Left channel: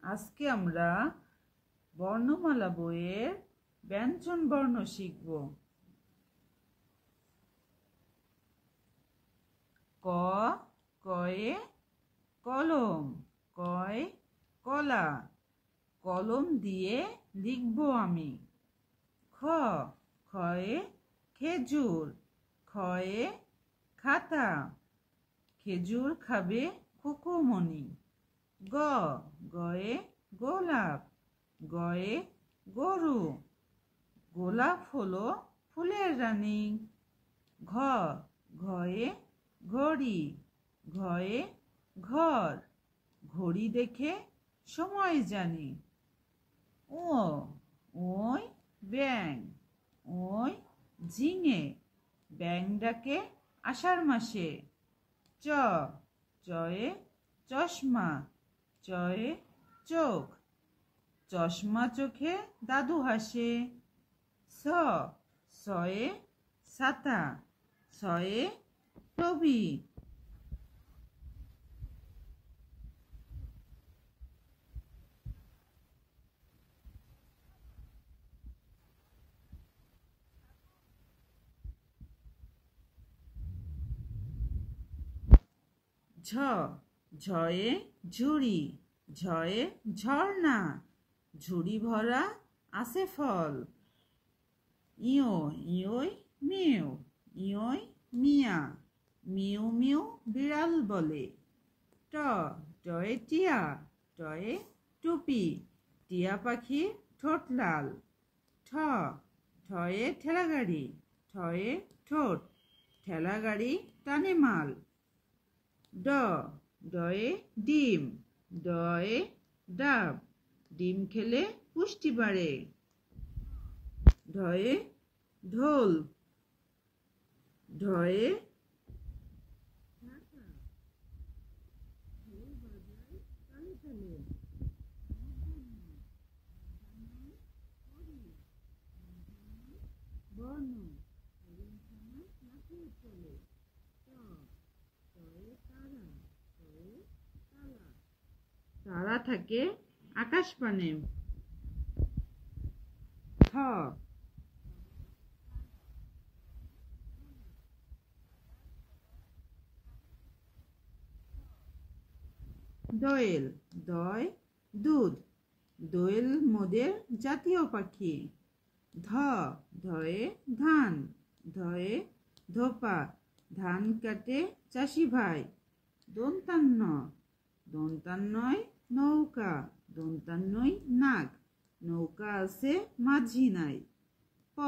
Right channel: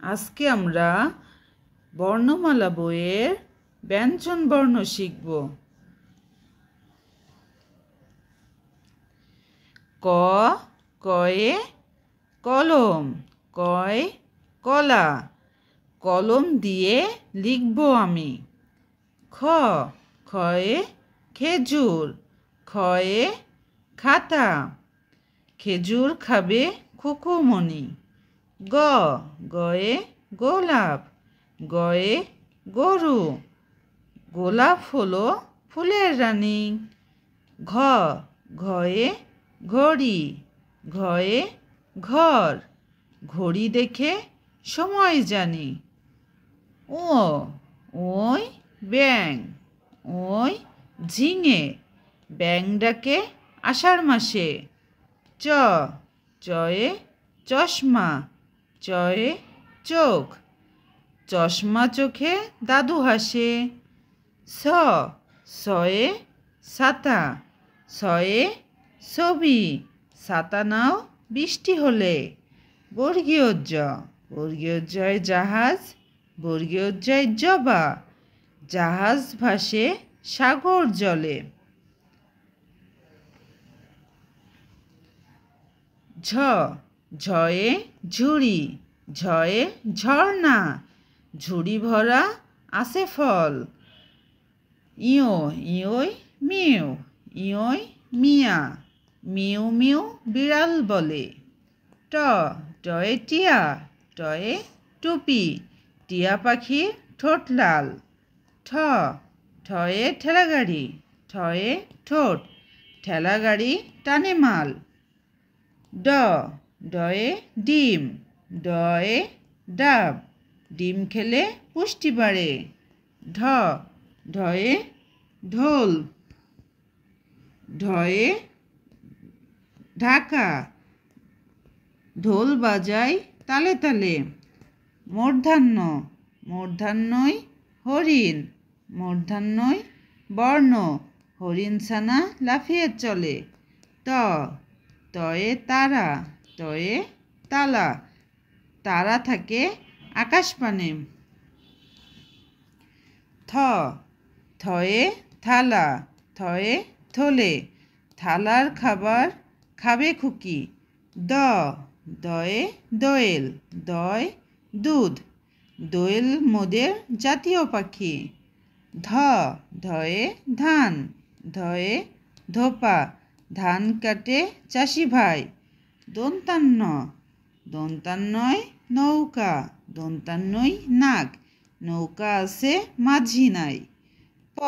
আজকে আমরা বর্ণমালা বইয়ের ব্যঞ্জন বর্ণ শিখব। ক কয়ে কলম, কয় কলা, কলম দিয়ে লিখব আমি। খ খয়ে খেজুর, খয়ে খাতা, খেজুর খাবে খুকুমণি। গ গয়ে গোলাপ, গয়ে গরু, গোলাপ হলো ফুলের রানী। ঘ ঘয়ে ঘড়ি, ঘয়ে ঘর, ঘড়ি দেখে সময় জানি। ও ওই ব্যাঙ, ওই ঝিঙে, ব্যাঙ ডাকে আষাঢ় মাসে। চ চয়ে চশমা, চয়ে চোখ, চশমা চোখে দাদু হাসে। স সয়ে ছাতা, সয়ে ছবি, ছাতা নাও বৃষ্টি হলে। বর্গীয় জ, বর্গীয় জয় জাহাজ, বর্গীয় জয় জবা, জাহাজ ভাসে সাগর জলে। ঝ ঝয়ে ঝুড়ি, ঝয়ে ঝর্ণা, ঝুড়ি ভরা আছে ফল। ইয়ো ইয়োই মিউ, ইয়োই মিয়া, মিউ মিউ বিড়াল বলে। ট টয়ে টিয়া, টয়ে টুপি, টিয়া পাখি ঠোঁট লাল। ঠ ঠয়ে ঠেলাগাড়ি, ঠয়ে ঠোঁট, ঠেলাগাড়ি টানে মাল। ড ডয়ে ডিম, ডয়ে ডাব, ডিম খেলে পুষ্টি বাড়ে। ঢ ঢয়ে ঢোল, ঢয়ে ঢাকা, ঢোল বাজায় তালে তালে। মূর্ধন্য, মূর্ধন্যই হরিণ, মূর্ধন্যই বর্ণ, হরিণ ছানা লাফিয়ে চলে। ত তয়ে তারা, তয়ে তালা, তারা থাকে আকাশপানে। থ থয়ে থালা, থয়ে থলে, থালার খাবার খাবে খুকি। দ দয়ে দোয়েল, দয় দুধ, দোয়েল মোদের জাতীয় পাখি। ধ ধয়ে ধান, ধয়ে ধোপা, ধান কাটে চাষি ভাই। দন্তান্ন, দন্তান্নয় নৌকা, দন্তান্নয় নাক, নৌকা আছে মাঝি নাই। প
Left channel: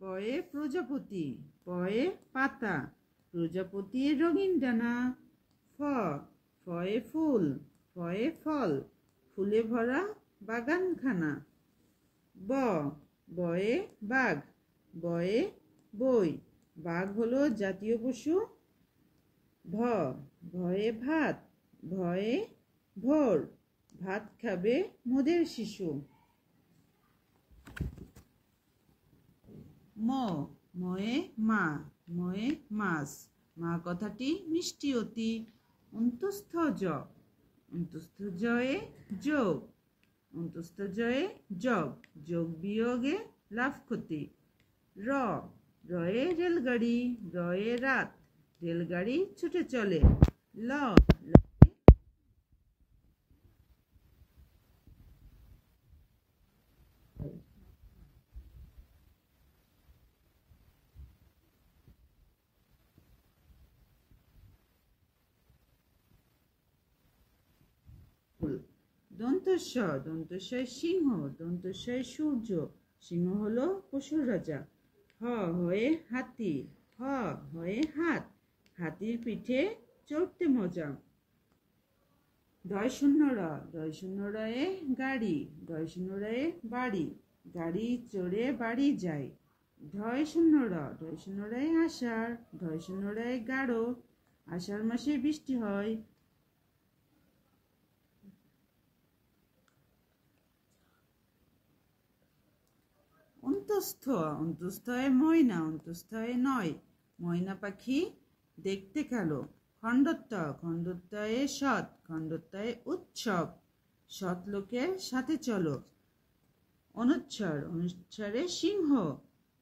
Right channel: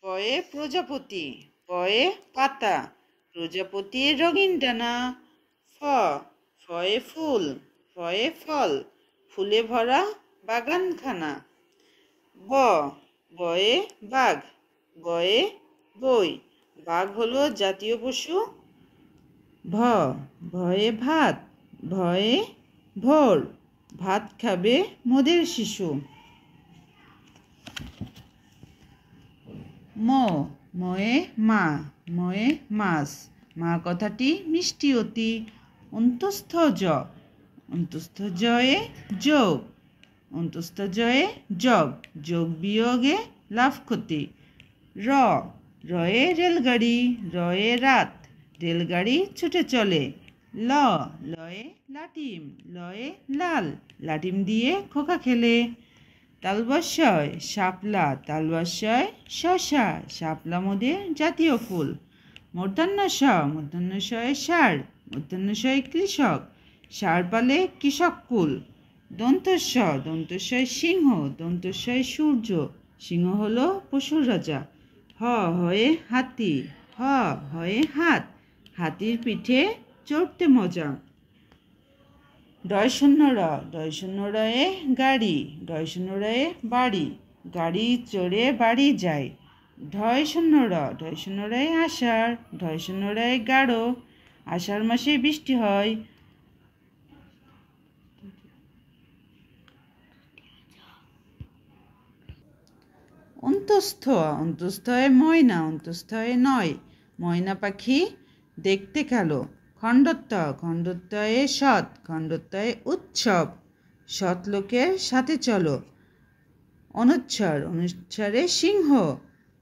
পয়ে প্রজাপতি, পয়ে পাতা, প্রজাপতির রঙিন ডানা। ফ ফয়ে ফুল, ফয়ে ফল, ফুলে ভরা বাগানখানা। ব বয়ে বাঘ, বয়ে বই, বাঘ হলো জাতীয় পশু। ভ ভয়ে ভাত, ভয়ে ভোর, ভাত খাবে মোদের শিশু। ম ময়ে মা, ময়ে মাছ, মা কথাটি মিষ্টি অতি। অন্তস্থ জ, অন্তস্থ জয়ে যোগ, অন্তস্থ জয়ে যোগ, যোগ বিয়োগে লাভ ক্ষতি। র রয়ে রেলগাড়ি, রয়ে রাত, রেলগাড়ি ছুটে চলে। ল লয়ে লাটিম, লয়ে লাল, লাটিম দিয়ে খোকা খেলে। তালবস্যয় শাপলা, তালবস্যয় শশা, শাপলা মোদের জাতীয় ফুল। মূর্ধন্য ষ, মূর্ধন্য শয়ে ষাঁড়, মূর্ধন্য শয়ে কৃষক, ষাঁড় পালে কৃষক কুল। দন্তস্ব, দন্তস্বয় সিংহ, দন্তস্বয় সূর্য, সিংহ হলো পশুর রাজা। হ হয়ে হাতি, হ হয়ে হাত, হাতির পিঠে চড়তে মজা। ডয় শূন্য র, ডয় শূন্য রয়ে গাড়ি, ডয় শূন্য রয়ে বাড়ি, গাড়ি চড়ে বাড়ি যায়। ঢয় শূন্য র, ঢয় শূন্য রয়ে আষাঢ়, ঢয় শূন্য রয়ে গাঢ়, আষাঢ় মাসে বৃষ্টি হয়। অন্তস্থ, অন্তস্থ হয় ময়না, অন্তস্থ হয় নয়, ময়না পাখি দেখতে কালো, খণ্ডত্ব খণ্ডত্বয়ে সৎ খণ্ডত্বয়ে উৎসব সৎ লোকের সাথে চলো। অনুচ্ছর অনুচ্ছরে সিংহ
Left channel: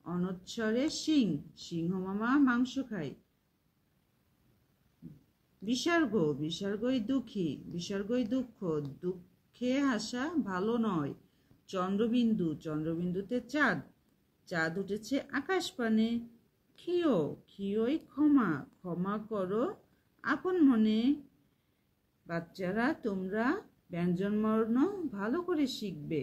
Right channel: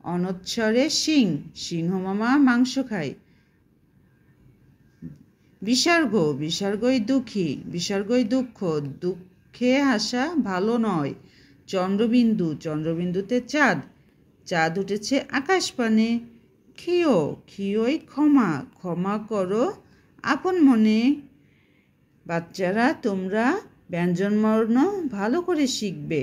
অনুচ্ছরে সিং সিংহ মামা মাংস খায়। বিসর্গ বিসর্গই দুঃখী বিসর্গই দুঃখ দুঃখে হাসা ভালো নয়। চন্দ্রবিন্দু চন্দ্রবিন্দুতে চাঁদ চাঁদ উঠেছে আকাশপানে। ক্ষীয় ক্ষীয়ই ক্ষমা ক্ষমা করো আপন মনে। বাচ্চারা তোমরা ব্যঞ্জনবর্ণ ভালো করে শিখবে।